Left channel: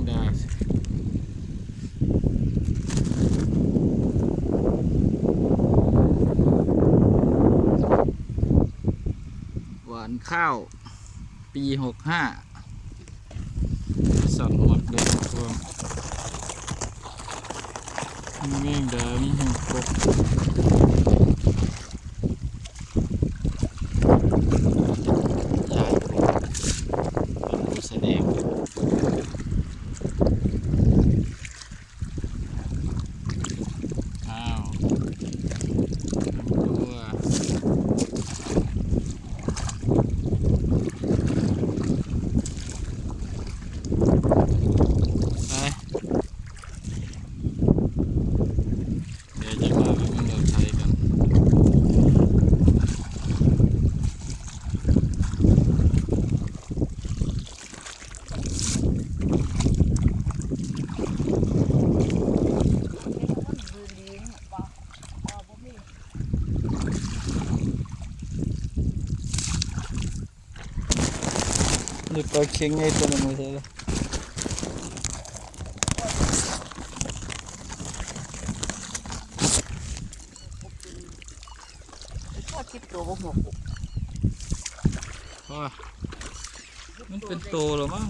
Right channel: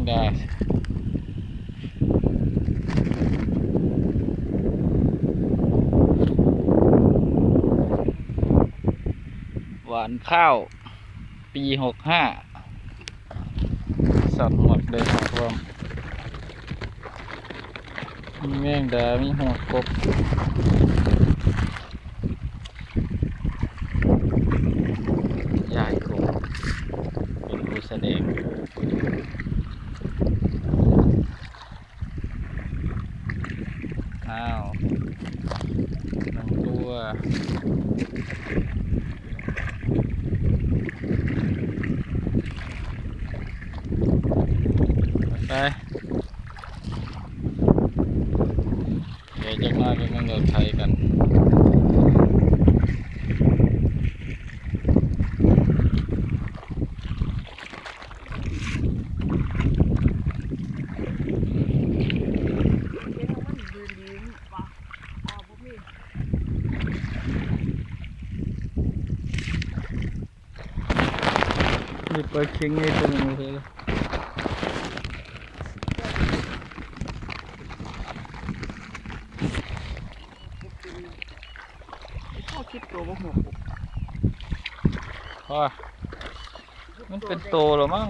งดาหวานข้าว ปีหกห้าสัตว์หมดเลยครับพร้อมมีแมงดา มีหัวกบยายครูเป็นผู้แสดง อ้าวหนึ่งตัวไปเดี๋ยวจะมาเป็นเงืองไทยกัน นี่ปลาเค็งไงตัวนึงไม่ใช่เหรอพ่อมันเป็นโตแล้วมั้ง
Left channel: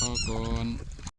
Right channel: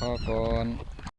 พ่อก่อน